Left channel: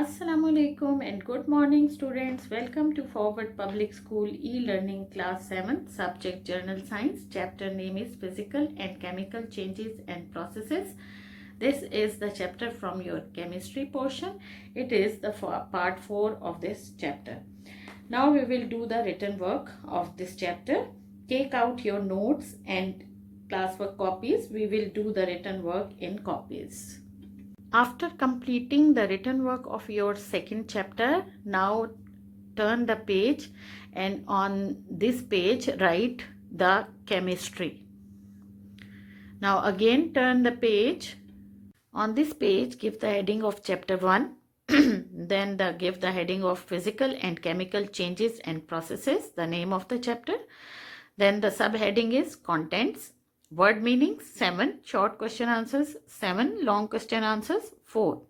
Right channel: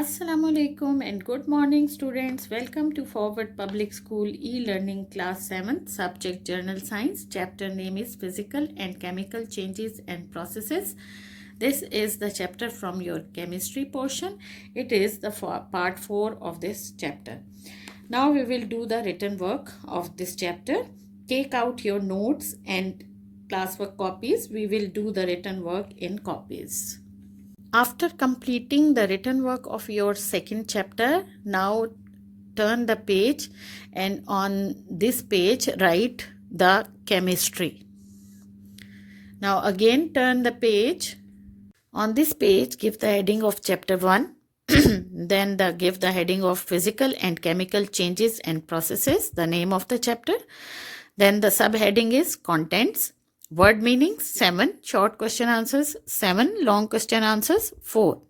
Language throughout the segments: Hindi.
Assalamualaikum and good morning students. Welcome to Forward Public School e-learning class 7 subject Journal Science. Chapter name is Physical and Chemical Changes and Processes. This is the chapter from your chemistry portion. It is the part 4 of this chapter. Now we will do the written work of this chapter. Take out your notes and classwork copies. We will do the written work in copies. After completing the written work of your second chapter, now turn the page and on this page write the chemistry. Now again turn the page. On this page give the heading of chapter 1. Then give the heading of physical and chemical changes and processes, the name of the chapter. Then the subheading is contents. Word meanings 7, short question answers 7, long question answers 4.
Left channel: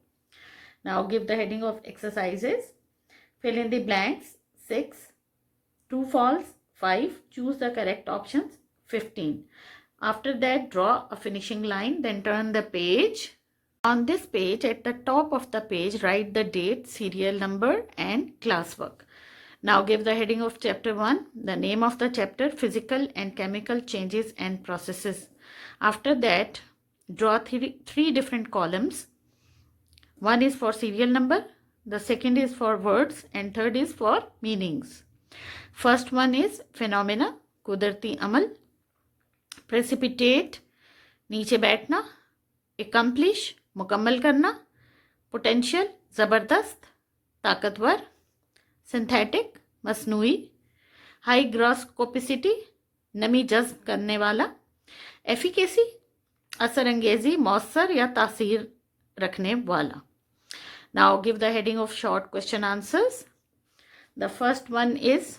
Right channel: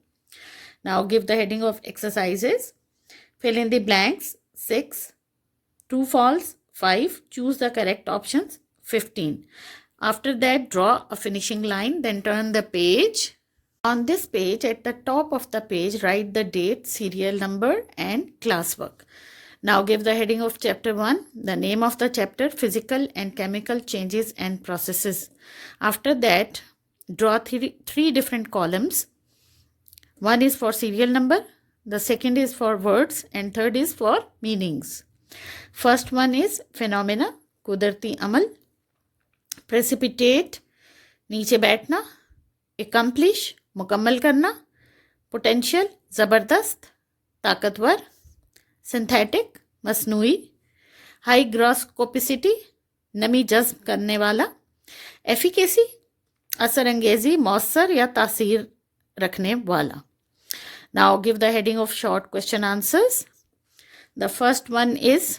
Now give the heading of exercises. Fill in the blanks 6, true false 5, choose the correct options 15. After that draw a finishing line, then turn the page. On this page at the top of the page write the date, serial number and classwork. Now give the heading of chapter 1, the name of the chapter, physical and chemical changes and processes. After that, draw three different columns. One is for serial number, the second is for words and third is for meanings. First one is phenomena, कुदरती अमल, precipitate, नीचे बैठना, accomplish, मुकम्मल करना, potential, ज़बरदस्त, ताकतवर, सिंथेटिक मसनूई, हाईग्रोस्कोपिसिटी नमी जज्ब करने वाला, एफिकेसी असर अंगेजी मौसर या तासीर रखने वाला. Now give the heading of short question answers. The first one is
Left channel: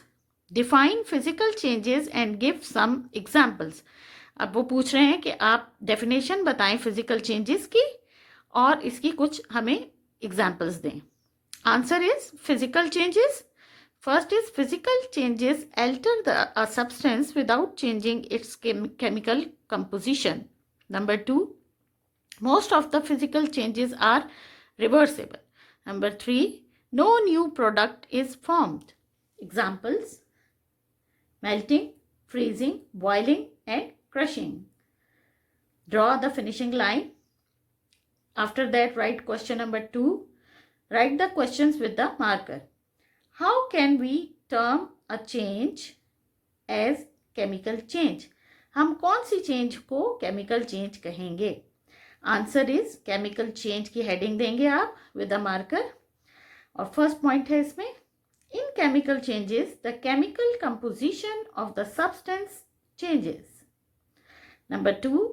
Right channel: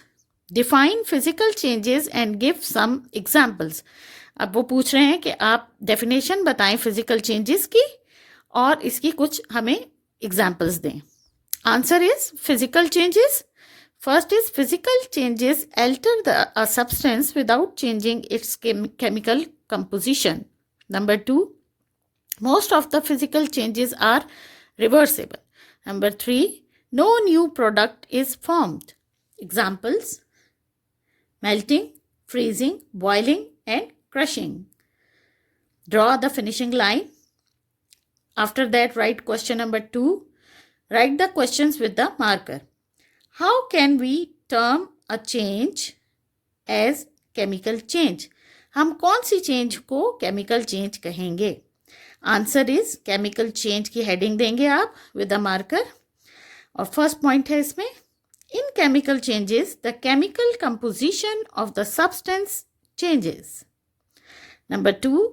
define physical changes and give some examples. अब वो पूछ रहे हैं कि आप डेफिनेशन बताएं फिजिकल चेंजेस की और इसकी कुछ हमें एग्जाम्पल्स दें. Answer is physical changes. First is physical changes alter a substance without changing its chemical composition. Number 2, most of the physical changes are reversible. Number 3, no new product is formed. Examples: melting, freezing, boiling and crushing. Draw the finishing line. After that write question number 2. Write the questions with the marker. How can we term a change as chemical change? हम कौन सी चेंज को केमिकल चेंज कहेंगे? आंसर इज केमिकल चेंज की हेडिंग देंगे आप विद द मार्कर. और फर्स्ट पॉइंट है इसमें, इन chemical changes the chemical composition of the substance changes. Number 2,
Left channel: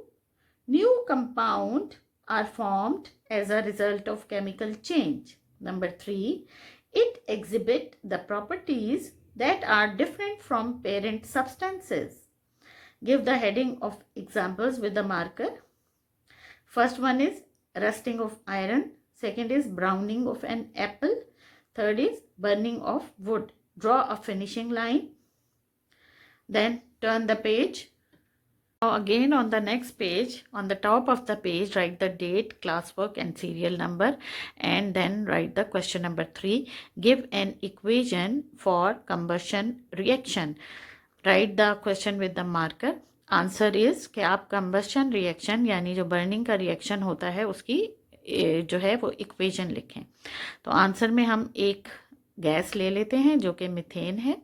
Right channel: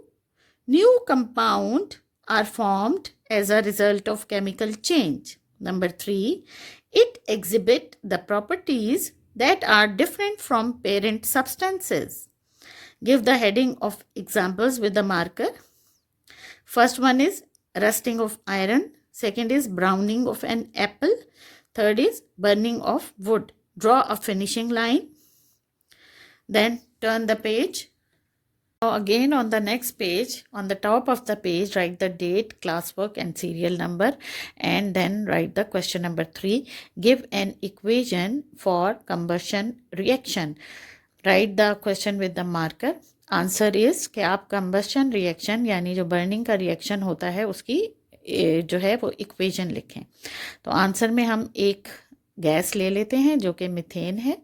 new compound are formed as a result of chemical change. Number 3, it exhibit the properties that are different from parent substances. Give the heading of examples with the marker. First one is rusting of iron. Second is browning of an apple. Third is burning of wood. Draw a finishing line. Then turn the page. Now again on the next page, on the top of the page, write the date, classwork and serial number and then write the question number 3. Give an equation for combustion reaction. Write the question with the marker. Answer is कि आप combustion reaction यानी जो burning का reaction होता है उसकी जो है वो इक्वेशन लिखें. तो आंसर में हम एक गैस ले लेते हैं जो कि मीथेन है,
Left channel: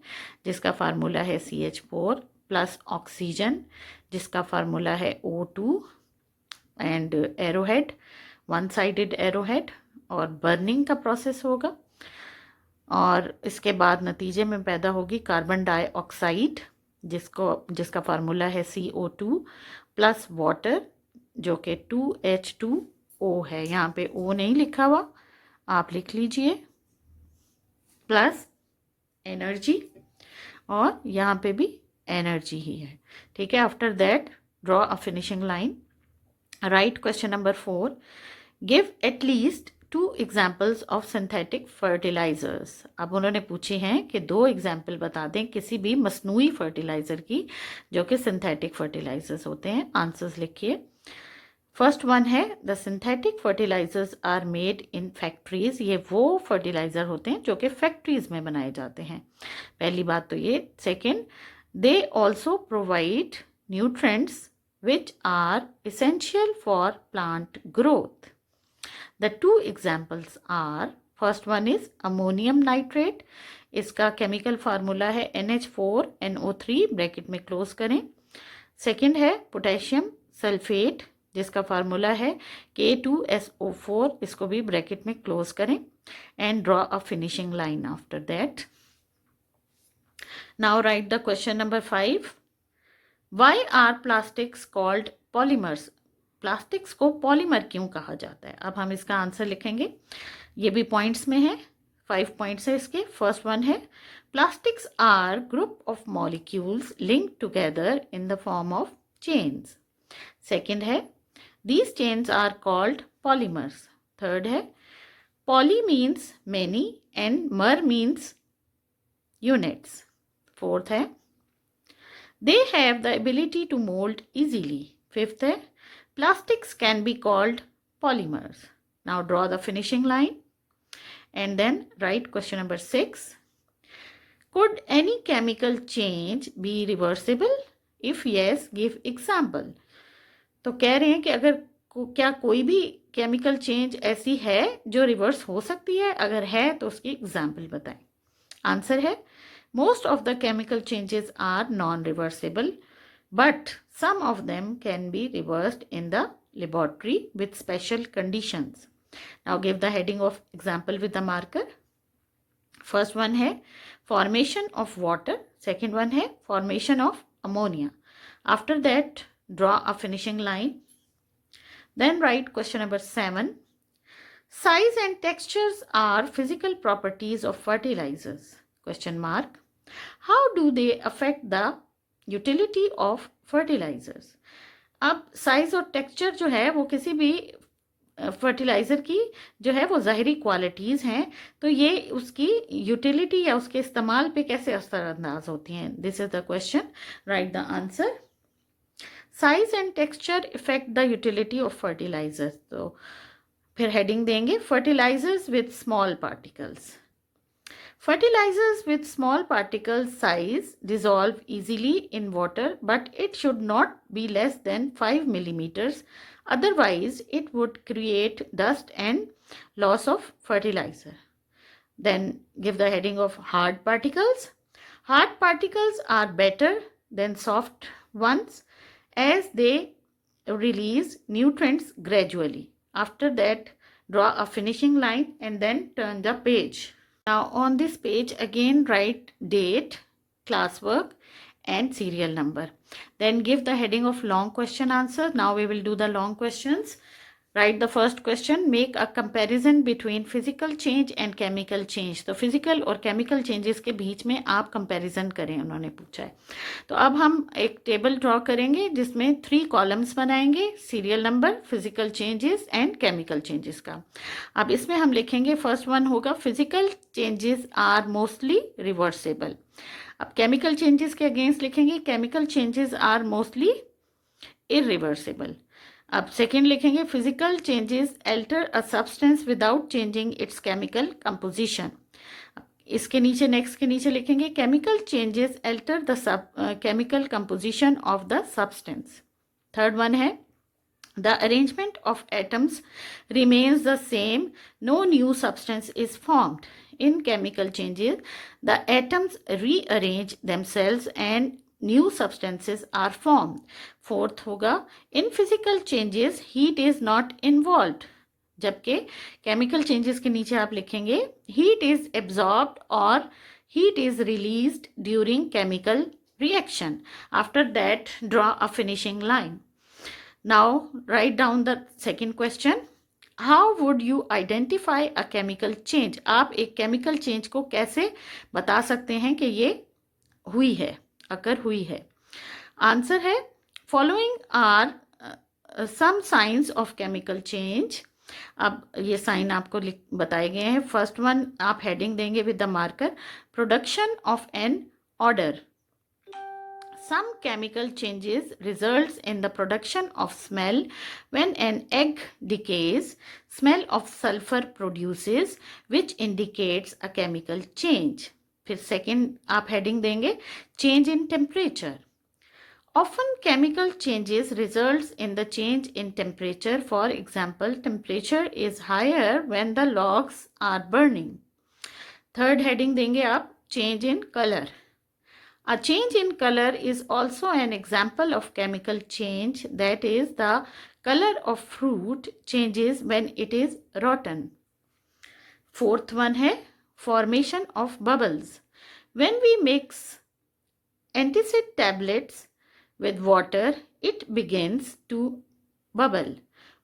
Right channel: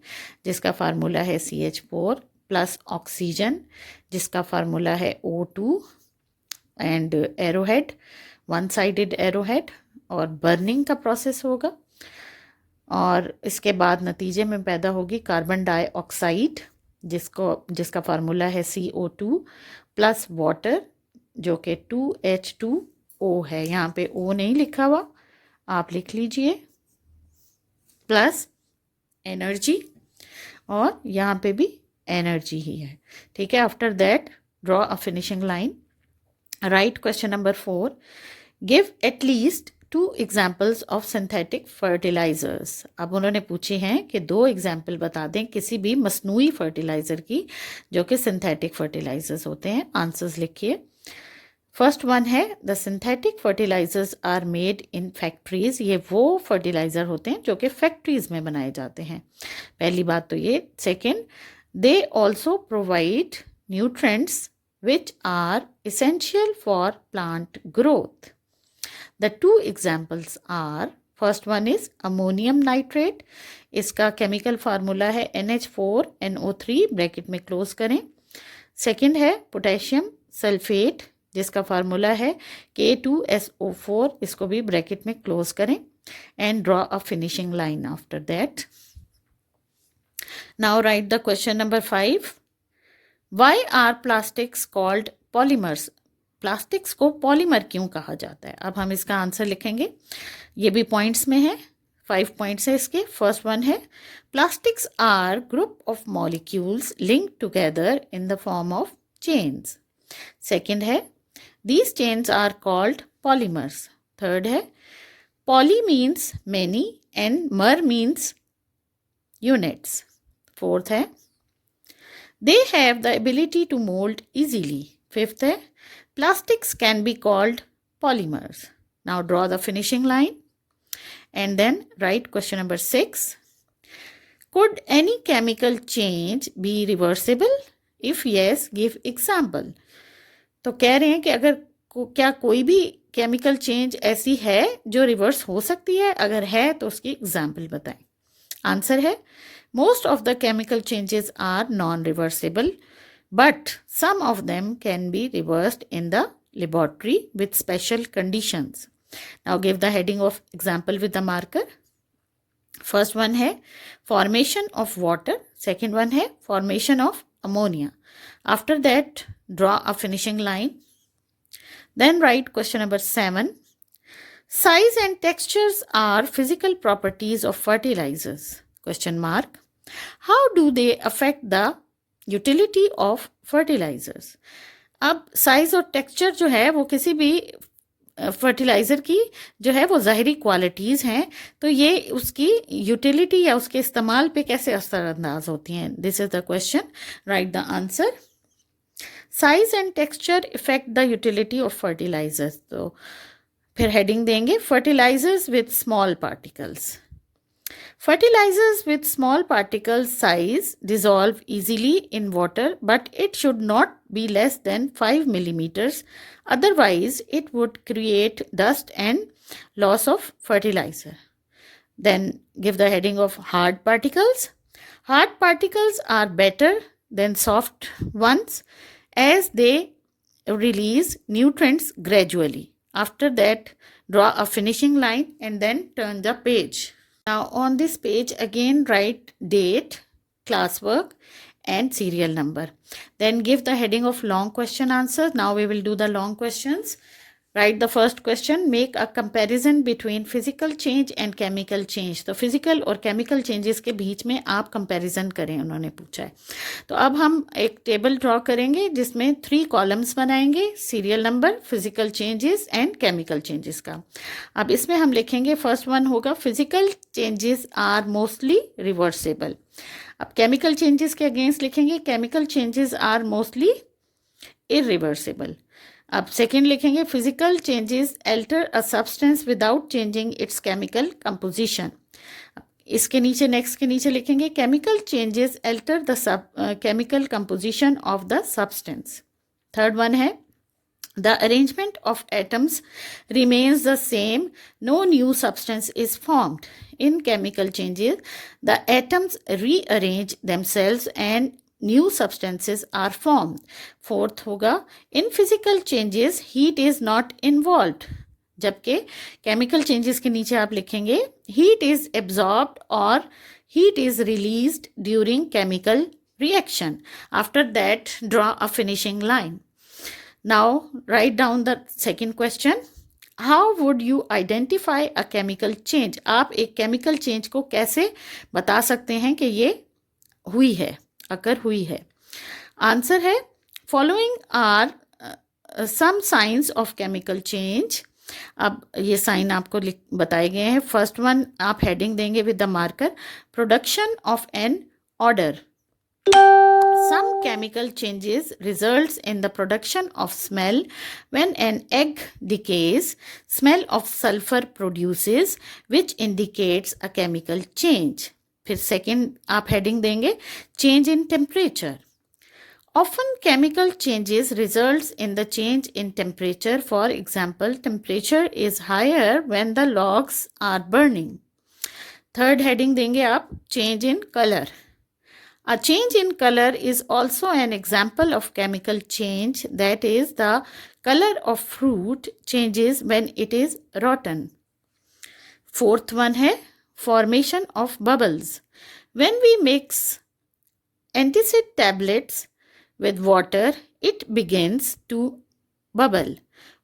जिसका फार्मूला है CH4 प्लस ऑक्सीजन जिसका फार्मूला है O2 and arrowhead, one sided arrowhead, और बर्निंग का प्रोसेस होगा और इसके बाद नतीजे में पैदा होगी कार्बन डाइऑक्साइड जिसका फार्मूला है CO2 प्लस वाटर जो कि 2H2O है. यहाँ पे O नहीं लिखा हुआ, आप लिख लीजिए, प्लस एनर्जी और यहाँ पे भी एनर्जी ही है. ठीक है. After that draw a finishing line. Write question number 4. Give at least 2 examples of synthetic fertilizers. अब उन्होंने पूछे हैं कि 2 एग्जाम्पल बता दें किसी भी मसनूई फर्टिलाइज़र की जो कि सिंथेटिक फर्टिलाइजर्स होते हैं. आंसर्स लिखिए. फर्स्ट वन है the synthetic fertilizers are made in factories. ये वो फर्टिलाइज़र होते हैं जो कि फैक्ट्रीज में बनाए जाते हैं। पहली बात तो ये। Second, they also provide nutrients which are essential for plant growth. The two examples are, first one is ammonium nitrate, इसका केमिकल फार्मूला है NH4NO3 ब्रैकेट में क्लोज करें। सेकेंड है पोटेशियम सल्फेट, जिसका फार्मूला है K2SO4, इसको भी ब्रैकेट में क्लोज करें and draw a finishing line after that. Now right the question number 5। Why are plastics called polymers? Plastics को पॉलीमर क्यों कहा जाता है? अब हम इसका आंसर लिखेंगे। ये भी पॉइंट्स में है, 5 पॉइंट्स है इसके। फर्स्ट वन है plastics are group of molecules link together in the form of chains. Second है these chains are called polymers. Third है poly means many and mer means units. Fourth है they have the ability to mold easily. Fifth है plastics can be called polymers. Now draw the finishing line and then write question number 6. Could any chemical change be reversible? If yes, give example. तो कह रहे हैं कि अगर क्या कोई भी केमिकल चेंज ऐसी है जो रिवर्स हो सकती है? अगर है तो उसकी एग्जाम्पल बताएं। आंसर है most of the chemical changes are non-reversible, but some of them can be reversed in the laboratory with special conditions. Now give the heading of example with the marker. First one है formation of water. Second one है formation of ammonia. After that, draw a finishing line. Then write question number 7. Size and textures are physical properties of fertilizers. Question mark. How do they affect the utility of fertilizers? अब साइज और टेक्सचर जो है वो किसी भी फर्टिलाइज़र की जो है वो ज़ाहिरी क्वालिटीज़ हैं, तो ये उसकी यूटिलिटी या उसके इस्तेमाल पे कैसे असरअंदाज होती हैं? This is the question, write the answer. Size and texture effect the utility of fertilizers. तो फिर हेडिंग देंगे fertilizers with small particles. Fertilizers with small particle size dissolve easily in water, but it should not be less than 5 millimeters. Otherwise, it would create dust and loss of fertilizer. Then give the heading of hard particles. Hard particles are better than soft ones as they release nutrients gradually. After that, draw a finishing line and then turn the page. Now on this page again write date, classwork and serial number. Then give the heading of long question answer. Now we will do the long questions. Write the first question. Make a comparison between physical change and chemical change. तो physical और chemical changes के बीच में आप comparison करें, उन्होंने पूछा है। तो अब हम एक टेबल ड्रॉ करेंगे जिसमें 3 कॉलम्स बनाएंगे, serial number, physical changes and chemical changes का। अब इसमें हम लिखेंगे फर्स्ट वन होगा physical changes are mostly reversible. अब केमिकल चेंजेस के अगेंस्ट लिखेंगे chemical changes are mostly irreversible. अब सेकेंड लिखेंगे physical changes alter a substance without changing its chemical composition. इसके नीचे नेक्स्ट के नीचे लिखेंगे chemical changes alter the chemical composition of the substance. Third one है the arrangement of atoms remains the same, no new substance is formed. In chemical changes, the atoms rearrange themselves and new substances are formed. Fourth होगा in physical changes heat is not involved. जबकि chemical changes के नीचे आप लिखेंगे heat is absorbed or heat is released during chemical reaction. After that, draw a finishing line. Now write down the second question. How would you identify a chemical change? आप एक chemical change को कैसे बता सकते हैं कि ये हुई है, अगर हुई है? आंसर है following are some signs of chemical change. अब ये साइन आपको बताए गए हैं। फर्स्ट वन आप हेडिंग देंगे with the marker production of an odour. Some chemical changes results in the production of smell. When an egg decays, smell of sulfur produces, which indicates a chemical change. फिर सेकेंड आप हेडिंग देंगे change in temperature. Often chemical changes results in the change in temperature. For example, temperature is higher when the logs are burning. Third heading देंगे आप change in color. A change in color is also an example of chemical change, that is, the color of fruit changes when it is rotten. Fourth one है formation of bubbles. When we mix antacid tablets with water, it begins to bubble.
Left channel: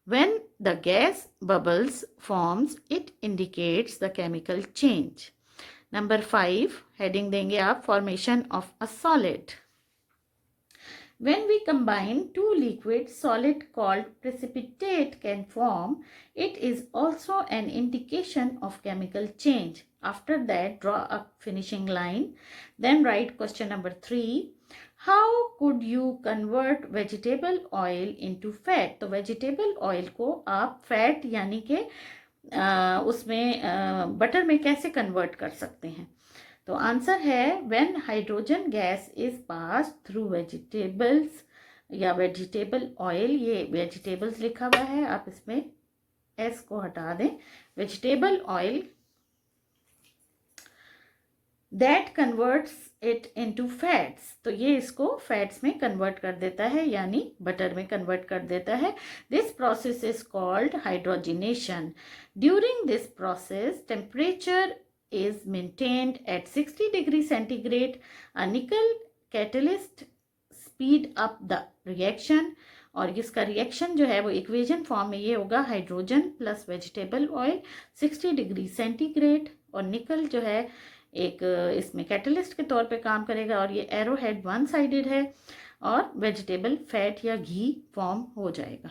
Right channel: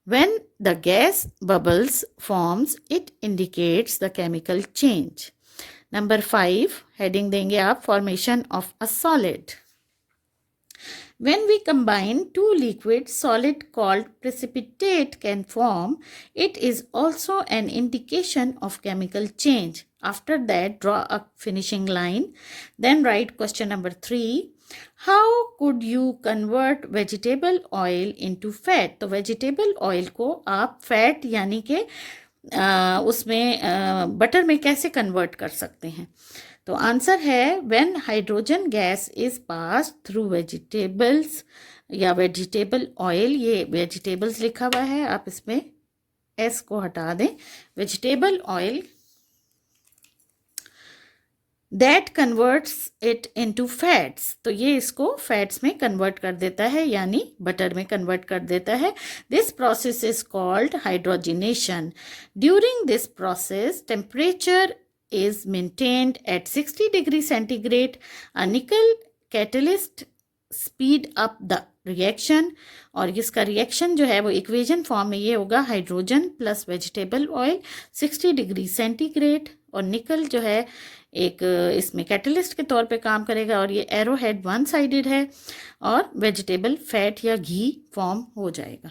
When the gas bubbles forms, it indicates the chemical change. Number 5, heading देंगे आप formation of a solid. When we combine two liquids, solid called precipitate can form. It is also an indication of chemical change. After that, draw a finishing line. Then write question number 3. How could you convert vegetable oil into fat? तो vegetable oil को आप fat यानी के उसमें बटर में कैसे कन्वर्ट कर सकते हैं? तो आंसर है when hydrogen gas is pass through vegetables या वेजिटेबल ऑयल. ये वेजिटेबल्स लिखा हुआ है, आप इसमें एस को हटा दें. Vegetable oil that converts it into fats. तो ये इसको फैट्स में कन्वर्ट कर देता है यानी बटर में कन्वर्ट कर देता है. This process is called hydrogenation. During this process temperature is maintained at 60 degrees centigrade. A nickel catalyst speed up the reaction. और इसका रिएक्शन जो है वो इक्वेशन फॉर्म में ये होगा hydrogen plus vegetable oil 60 degree centigrade. और निकल जो है एक इसमें कैटलिस्ट के तौर पे काम करेगा और ये एरो हेड वन साइडेड है और वेजिटेबल फैट या घी फॉर्म हो जाएगा.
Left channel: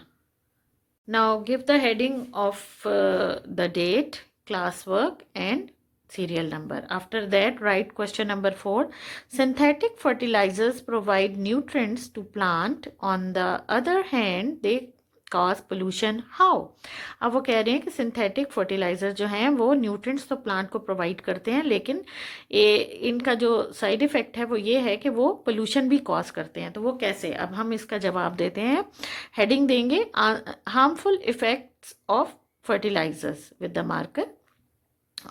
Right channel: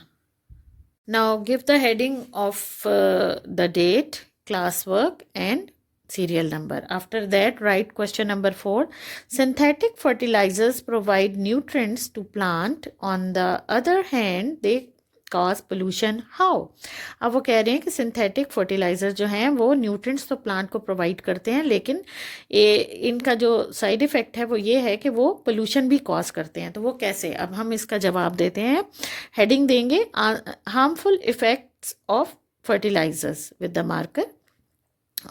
Now give the heading of the date, class work and serial number. After that, write question number 4. Synthetic fertilizers provide nutrients to plant. On the other hand, they cause pollution. How? अब वो कह रहे हैं कि सिंथेटिक फर्टिलाइजर जो हैं वो न्यूट्रिएंट्स तो प्लांट को प्रोवाइड करते हैं, लेकिन इनका जो साइड इफ़ेक्ट है वो ये है कि वो पोल्यूशन भी कॉज करते हैं. तो वो कैसे? अब हम इसका जवाब देते हैं. हेडिंग देंगे harmful effects of fertilizers with the marker.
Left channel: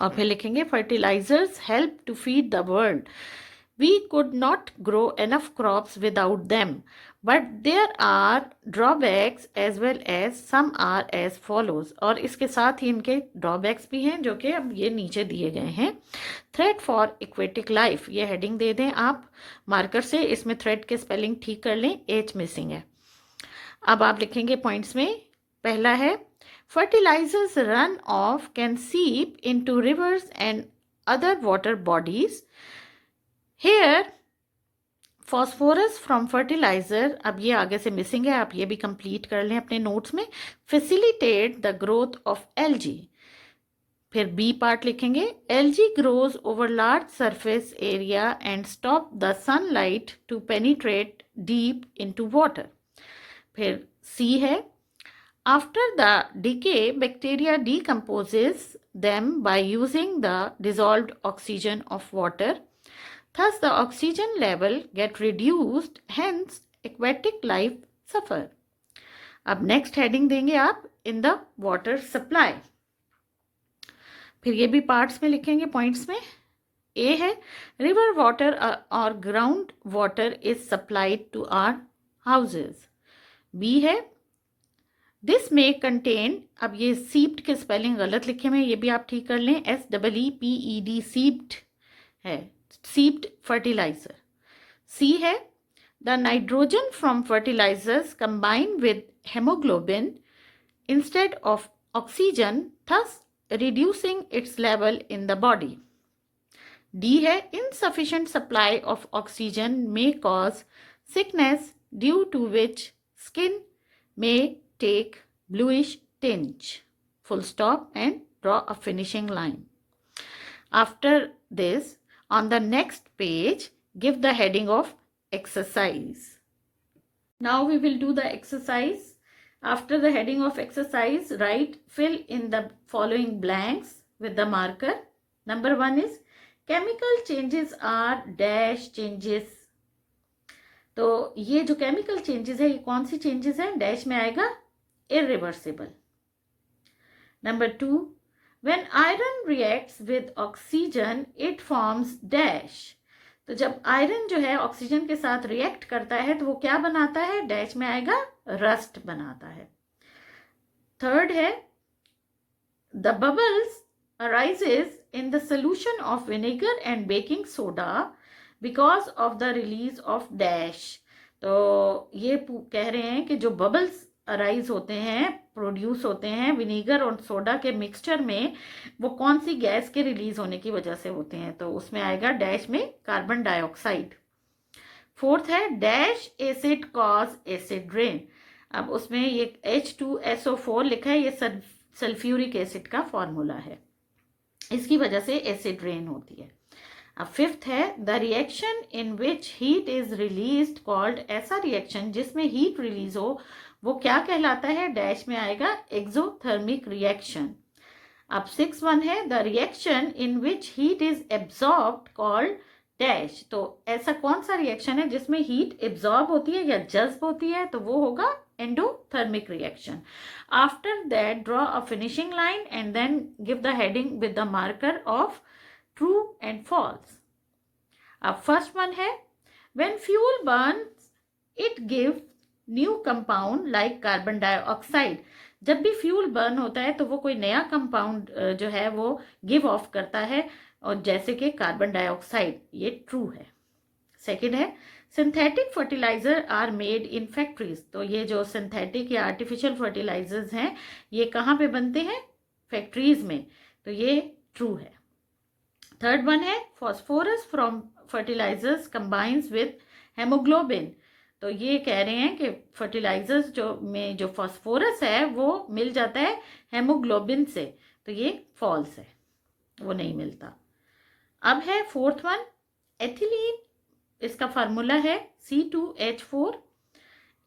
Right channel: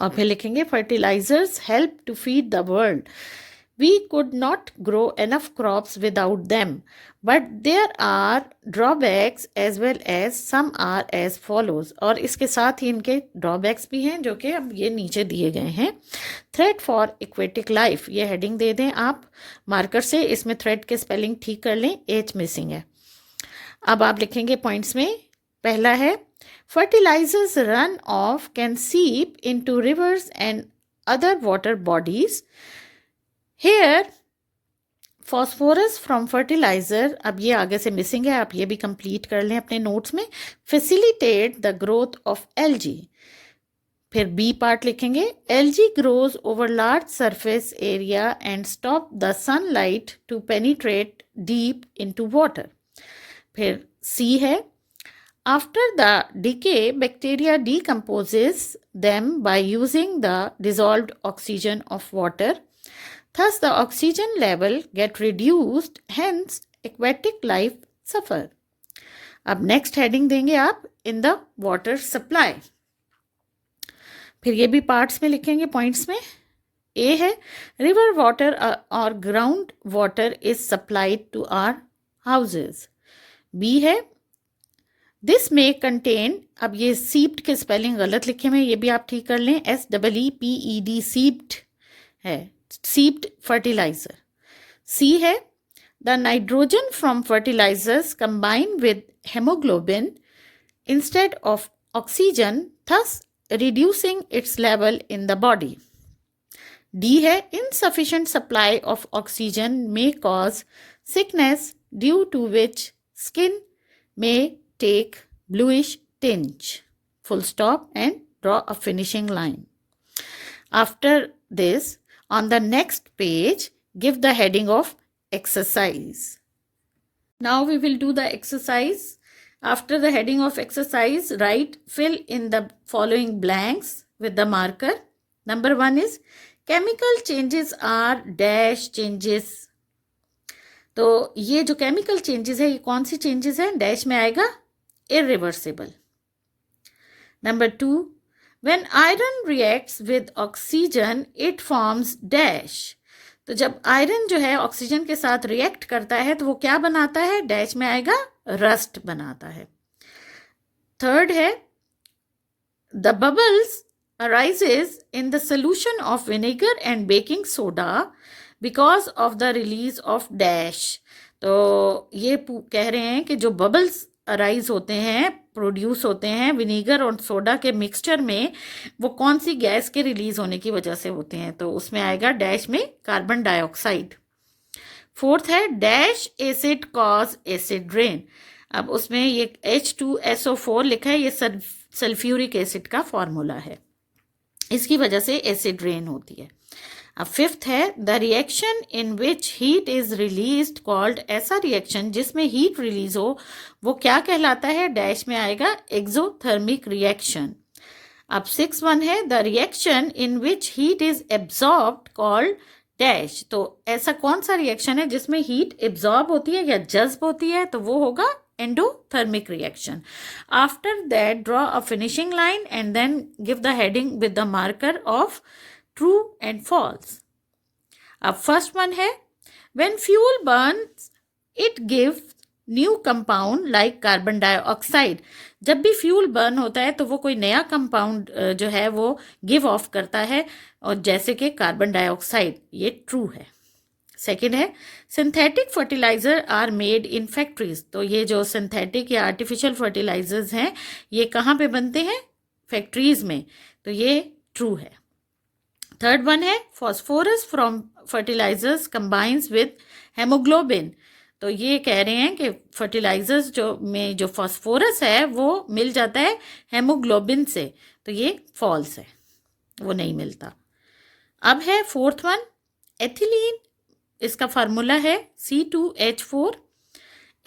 और फिर लिखेंगे fertilizers help to feed the world. We could not grow enough crops without them, but there are drawbacks as well as some are as follows. और इसके साथ ही इनके ड्रॉबैक्स भी हैं जो कि अब ये नीचे दिए गए हैं. थ्रेट फॉर एक्वेटिक लाइफ, ये हेडिंग दे दें आप मार्कर से. इसमें थ्रेट के स्पेलिंग ठीक कर लें, एच मिसिंग है. अब आप लिखेंगे पॉइंट्स में. पहला है fertilizers run off can seep into rivers and other water bodies. Here phosphorus from fertilizer, अब ये आगे से मिसिंग है, आप ये भी कंप्लीट कर लें अपने नोट्स में. facilitate the growth of algae. फिर बी पार्ट लिखेंगे. algae grows over large surface area and stop the sunlight to penetrate deep into water. फिर सी है. After the decay, bacteria decomposes them by using the dissolved oxygen of water. Thus, the oxygen level get reduced, hence aquatic life suffer. अब next heading देंगे आप in the water supply. फिर ये भी parts में लिखेंगे points में. A है river water or ground water is supplied to our houses. B है दिस में कंटेन, अब ये सीप्ड के स्पेलिंग गलत लिखे हुए, ये भी आप ठीक कर लें. SEEPED सीप्ड है, सीप्ड फर्टिलाइजर. सी है the nitrogen from fertilizers combine with haemoglobin instead of oxygen, thus reducing its level in the body. D है insufficient supply of oxygen may cause sickness due to which skin may take bluish tinge. Full stop and draw a finishing line. After this, on the next page, give the heading of exercise. Now we will do the exercise. After the heading of exercise, write fill in the following blanks with the marker. Number 1 is chemical changes are dash changes. तो ये जो केमिकल चेंजेस है ये कौन सी चेंजेस है? डैश में आएगा irreversible. Number 2, when iron reacts with oxygen it forms dash. तो जब आयरन जो है ऑक्सीजन के साथ रिएक्ट करता है तो वो क्या बनाता है? डैश में आएगा रस्ट बनाता है. थर्ड है the bubbles arises in the solution of vinegar and baking soda because of the release of dash. तो ये कह रहे हैं कि जो बबल्स अराइज होते हैं, प्रोड्यूस होते हैं विनीगर और सोडा के मिक्सचर में, वो कौन सी गैस के रिलीज होने की वजह से होते हैं? तो उसमें आएगा डैश में कार्बन डाइऑक्साइड. फोर्थ है dash acid cause acid rain. अब उसमें ये H2SO4 लिखा है, ये सल्फ्यूरिक एसिड का फॉर्मूला है, इसकी वजह से एसिड रेन होती है. अब फिफ्थ है the reaction in which heat is released called. ऐसा रिएक्शन जिसमें हीट रिलीज हो वो क्या कहलाता है? डैश में आएगा एक्सोथर्मिक रिएक्शन. अब 6 है the reaction in which heat is absorbed called dash. तो ऐसा कौन सा रिएक्शन है जिसमें हीट एब्जॉर्ब होती है या जज्ब होती है? तो वो होगा endothermic reaction. After that, draw a finishing line and then give the heading with the marker of true and false. First one है when fuel burns it gives new compound like carbon dioxide. जब भी फ्यूल बर्न होता है तो वो कोई नया कंपाउंड जो है वो गिव ऑफ करता है, और जैसे कि कार्बन डाइऑक्साइड. ये ट्रू है. सेकेंड है synthetic fertilizer are made in factories. तो ये जो सिंथेटिक या आर्टिफिशियल फर्टिलाइजर्स हैं ये कहाँ पे बनते हैं? फैक्ट्रीज में. तो ये ट्रू है. थर्ड वन है phosphorus from fertilizers combines with haemoglobin. तो ये कह रहे हैं कि फर्टिलाइजर्स जो फॉस्फोरस है वो मिल जाता है हेमोग्लोबिन से. तो ये फॉल्स है, वो नहीं मिलता. अब है फोर्थ वन एथिलीन. इसका फार्मूला है C2H4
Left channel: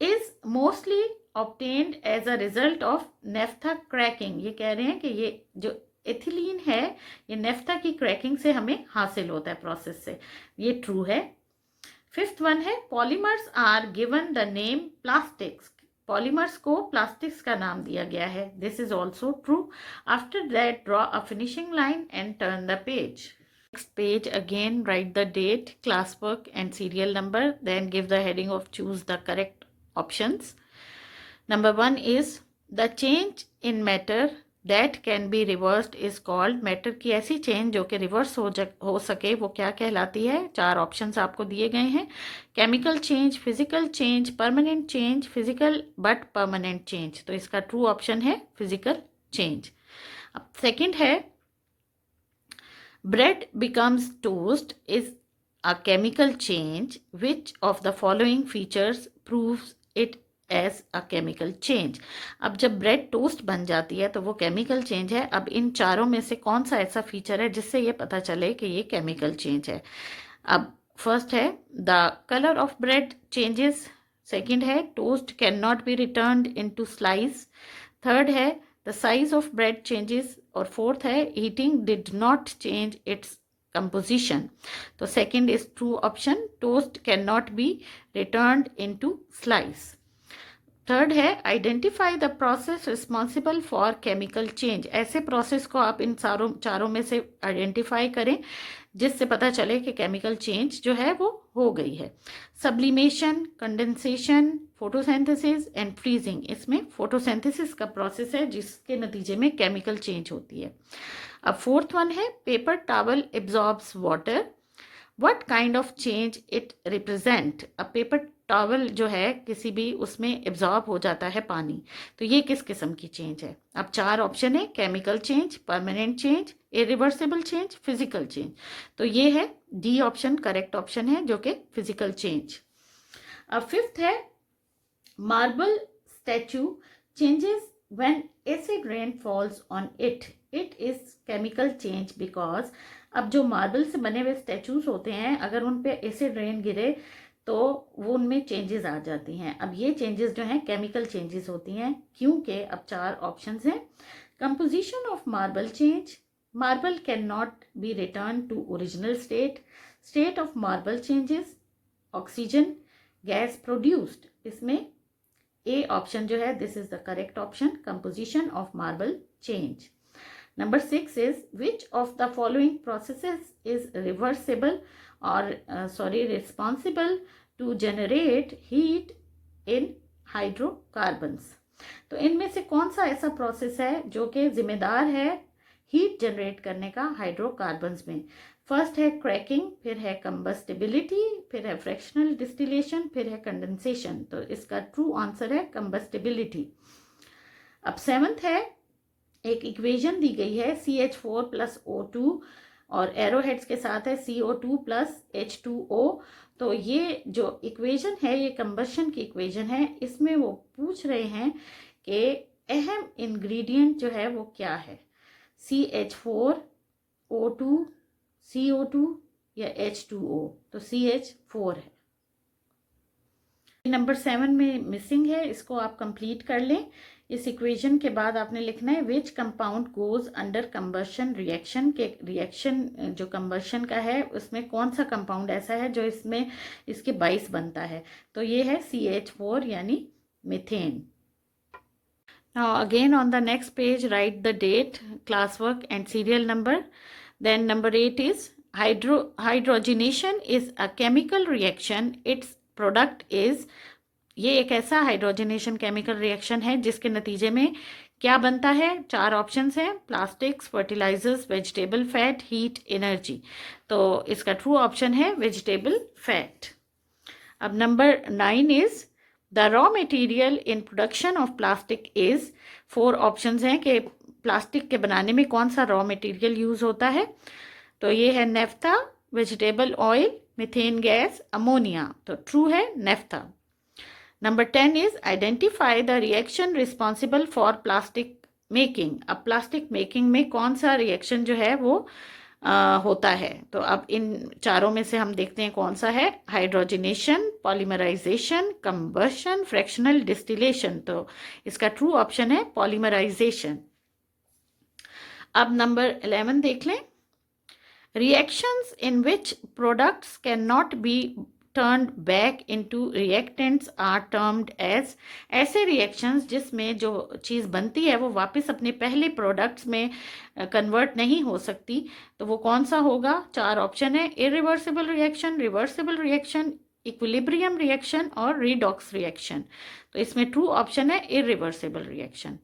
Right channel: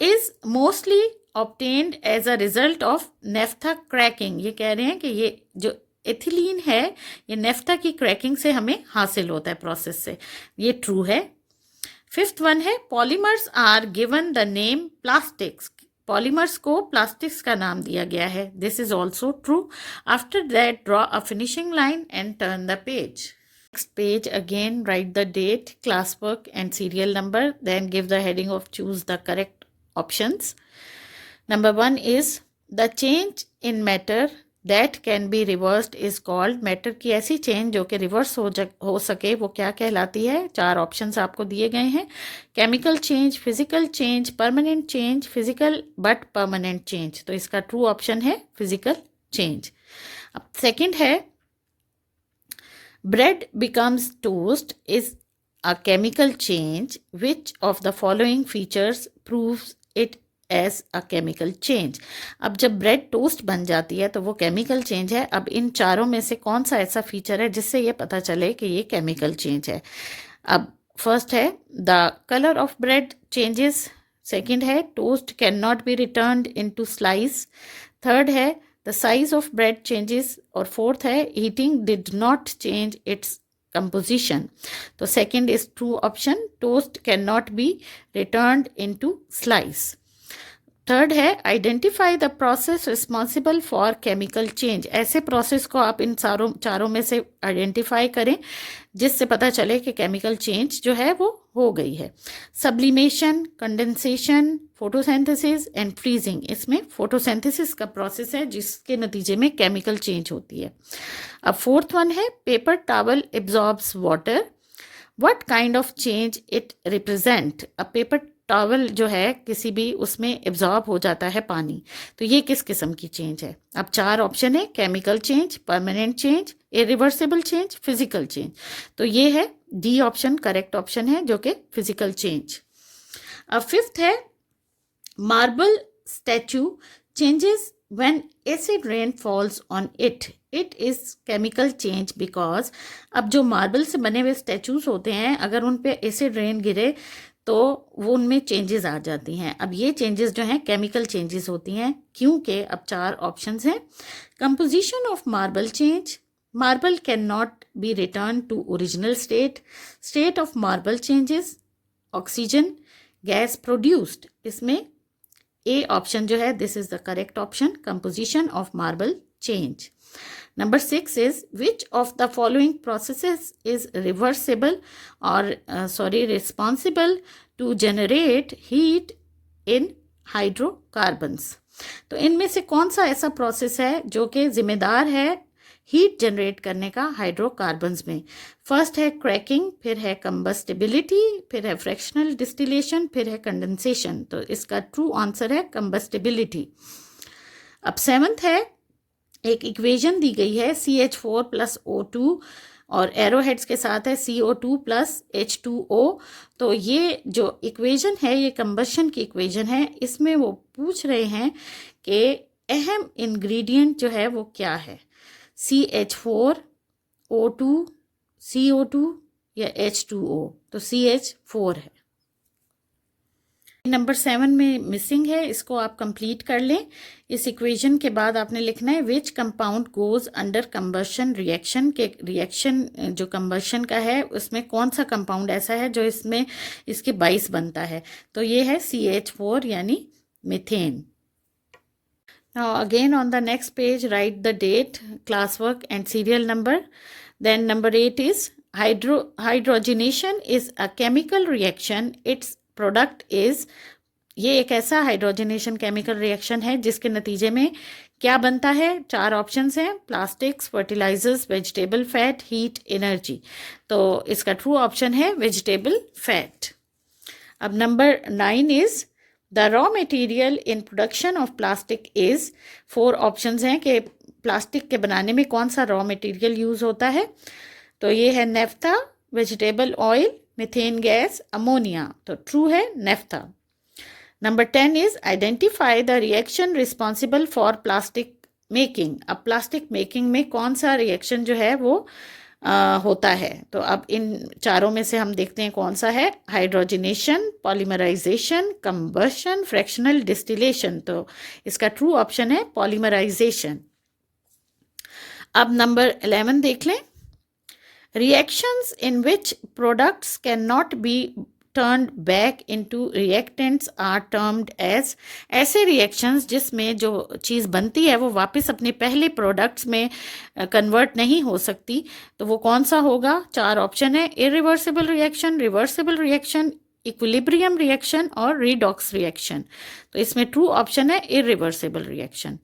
is mostly obtained as a result of naphtha cracking. ये कह रहे हैं कि ये जो एथिलीन है ये नेफ्था की क्रैकिंग से हमें हासिल होता है, प्रोसेस से. ये ट्रू है. फिफ्थ वन है polymers are given the name plastics. Polymers को प्लास्टिक्स का नाम दिया गया है. This is also true. After that draw a finishing line and turn the page. Next page again write the date, classwork and serial number, then give the heading of choose the correct options. Number 1 is the change in matter that can be reversed is called. matter की ऐसी change जो कि reverse हो सके वो क्या कहलाती है? 4 options आपको दिए गए हैं. chemical change, physical change, permanent change, physical but permanent change. तो इसका true option है physical change. अब second है bread becomes toast is a chemical change. Which of the following features proves it as a chemical change? अब जब ब्रेड टोस्ट बन जाती है तो वो केमिकल चेंज है. अब इन चारों में से कौन सा ऐसा फीचर है जिससे ये पता चले कि ये केमिकल चेंज है? अब फर्स्ट है the colour of bread changes. Second है toast can not be returned into slice. Third है the size of bread changes. और फोर्थ है heating did not change its composition. तो second is true option, toast cannot be returned into slice. थर्ड है identify the process responsible for chemical change. ऐसे प्रोसेस को आप इन चारों में से आइडेंटिफाई करें जिससे पता चले कि केमिकल चेंज जो है वो हो गई है. Sublimation, condensation, photosynthesis and freezing. इसमें फोटोसिंथेसिस का प्रोसेस है जिसके नतीजे में केमिकल चेंज होती है. अब फोर्थ वन है paper towel absorbs water. What kind of change it represent. अब पेपर टॉवल जो है किसी भी उसमें एब्जॉर्ब हो जाता है पानी. तो ये किस किस्म की चेंज है? अब 4 ऑप्शन है chemical change, permanent change, irreversible change, physical change. तो ये है डी ऑप्शन करेक्ट ऑप्शन है जो कि फिजिकल चेंज. अब फिफ्थ है marble statue changes when acid rain falls on it. It is chemical change because अब जो मार्बल से बने हुए स्टैचूज होते हैं अगर उन पे एसिड रेन गिरे तो वो उनमें चेंजेस आ जाती हैं। अब ये चेंजेस जो हैं केमिकल चेंजेस होती हैं, क्योंकि अब 4 ऑप्शंस हैं। Composition of marble change, marble can not be return to original state, state of marble changes, oxygen gas produced. इसमें ए ऑप्शन जो है this is the correct option, composition of marble change. Number 6 is which of the following processes is reversible or responsible to generate heat in hydrocarbons? तो इनमें से कौन सा ऐसा प्रोसेस है जो कि जिम्मेदार है हीट जनरेट करने का हाइड्रोकार्बन्स में? फर्स्ट है क्रैकिंग, फिर है कंबस्टिबिलिटी, फिर है फ्रैक्शनल डिस्टिलेशन, फिर है कंडेंसेशन। तो इसका ट्रू आंसर है कंबस्टिबिलिटी। अब 7th है, एक इक्वेशन दी गई है CH4 + O2 और एरो हेड्स के साथ है CO2 + H2O। तो ये जो इक्वेशन है ये कंबशन की इक्वेशन है। इसमें वो पूछ रहे हैं कि अहम इंग्रेडिएंट जो है वो क्या है, CH4, O2, CO2 या H2O? तो CH4 है। नंबर 7 में मिसिंग है, इसको आप कंप्लीट कर लें। इस इक्वेशन के बाद आपने लिखना है which compound goes under combustion reaction, के रिएक्शन जो कंबशन का है उसमें कौन सा कंपाउंड ऐसा है जो इसमें इसके 22 बनता है। तो ये है CH4 यानी methane. Now again on the next page write the date, class work and serial number. Then number 8 is hydrogenation is a chemical reaction. Its product is, ये एक ऐसा हाइड्रोजनेशन केमिकल रिएक्शन है जिसके नतीजे में क्या बनता है? 4 ऑप्शंस हैं, plastics, fertilizers, vegetable fat, heat, energy. तो इसका ट्रू ऑप्शन है वेजिटेबल फैट। अब number 9 is the raw material in production of plastic is, 4 options हैं कि प्लास्टिक के बनाने में कौन सा रॉ मटेरियल यूज होता है। तो ये है naphtha, vegetable oil, methane gas, ammonia. तो ट्रू है naphtha. Number 10 is identify the reaction responsible for plastic making. अब प्लास्टिक मेकिंग में कौन सा रिएक्शन जो है वो होता है? तो अब इन चारों में से हम देखते हैं कौन सा है। Hydrogenation, polymerization, combustion, fractional distillation. तो इसका ट्रू ऑप्शन है पॉलीमराइजेशन। अब नंबर 11 देख लें। Reactions in which products cannot be turned back into reactants are termed as, ऐसे reactions जिसमें जो चीज़ बनती है वो वापस अपने पहले प्रोडक्ट्स में कन्वर्ट नहीं हो सकती, तो वो कौन सा होगा? 4 ऑप्शन है, irreversible reaction, reversible reaction, equilibrium reaction और रिडॉक्स रिएक्शन। तो इसमें ट्रू ऑप्शन है irreversible reaction.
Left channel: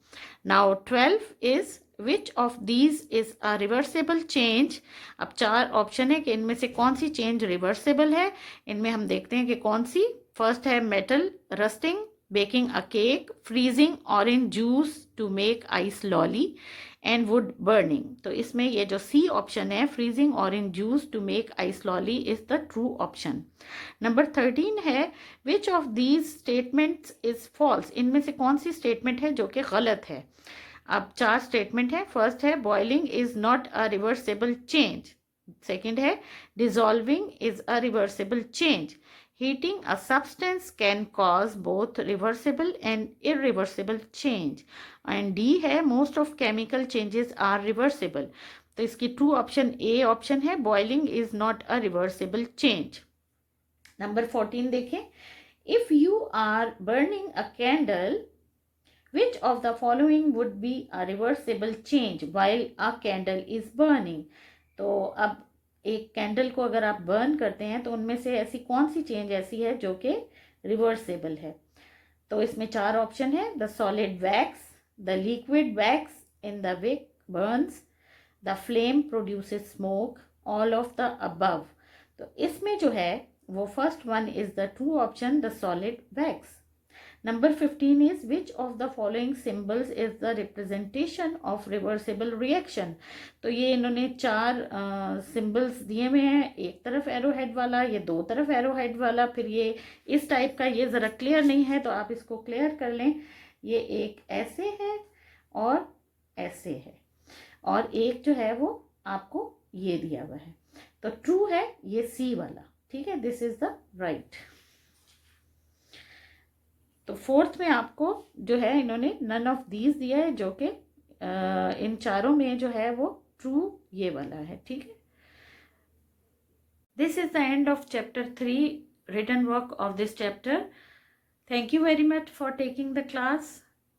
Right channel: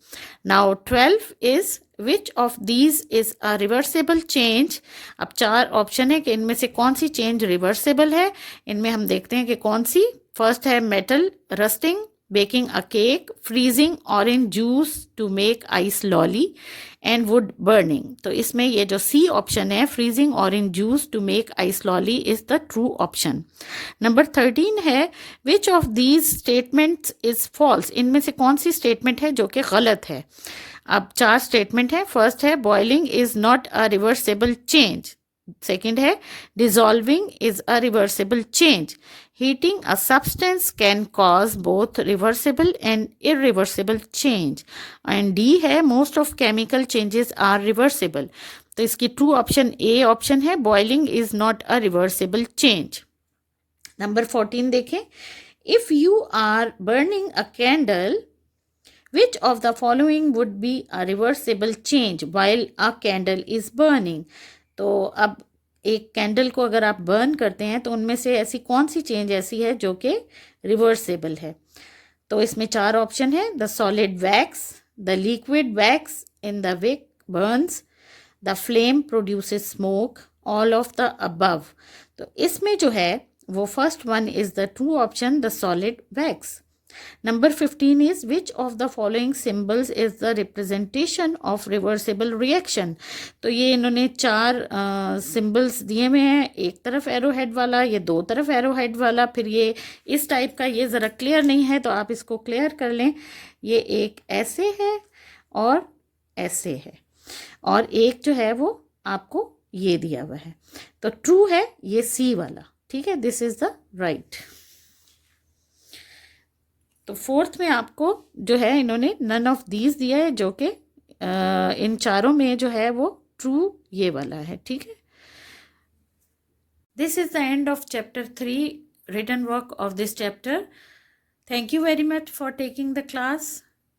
Now 12 is which of these is a reversible change. अब 4 ऑप्शन है कि इनमें से कौन सी चेंज रिवर्सिबल है। इनमें हम देखते हैं कि कौन सी। फर्स्ट है metal rusting, baking a cake, freezing orange juice to make ice lolly and wood burning. तो इसमें ये जो सी ऑप्शन है, freezing orange juice to make ice lolly, is the true option. Number 13 है which of these statements is false. इनमें से कौन सी स्टेटमेंट है जो कि गलत है। अब 4 स्टेटमेंट है। फर्स्ट है boiling is not a reversible change. Second है dissolving is a reversible change. Heating a substance can cause both reversible and irreversible change. And D है most of chemical changes are reversible. तो इसकी ट्रू ऑप्शन ए ऑप्शन है, boiling is not a reversible change. Number 14 देखें। If you are burning a candle, which of the following would be a reversible change while a candle is burning? तो अब एक कैंडल को अगर आप बर्न करते हैं तो उनमें से ऐसी कौन सी चेंज ऐसी है जो कि रिवर्सिबल है। तो इसमें 4 ऑप्शन है, the solid wax, the liquid wax in the wick burns, the flame produces smoke, all of the above. तो इसमें जो है वो first one is the true option, the solid wax. Number 15 is which of the following symbols is the representation of reversible reaction? तो ये इन्होंने 4 सिंबल्स दिए हुए हैं, एक तरफ एरो हेड वाला, ये 2 तरफ एरो हेड वाला, फिर ये इस टाइप का। ये ज़रा क्लियर नहीं है तो आप इसको क्लियर कर लें। ये एक ऐसे है और ऐसे है, और एक जो है वो आपको ये दिया हुआ है। तो ट्रू है ये सी वाला। ठीक है, दिस इज द राइट। तो फोर्थ में आपको जो है इन्होंने नन ऑफ दीज दिया है, जो कि इन चारों में जो है वो ट्रू ये वाला है, ठीक है। This is the end of chapter 3 written work of this chapter. Thank you very much for taking the class.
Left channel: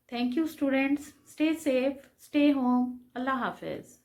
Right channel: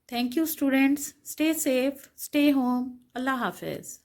Thank you students. Stay safe, stay home. Allah Hafiz.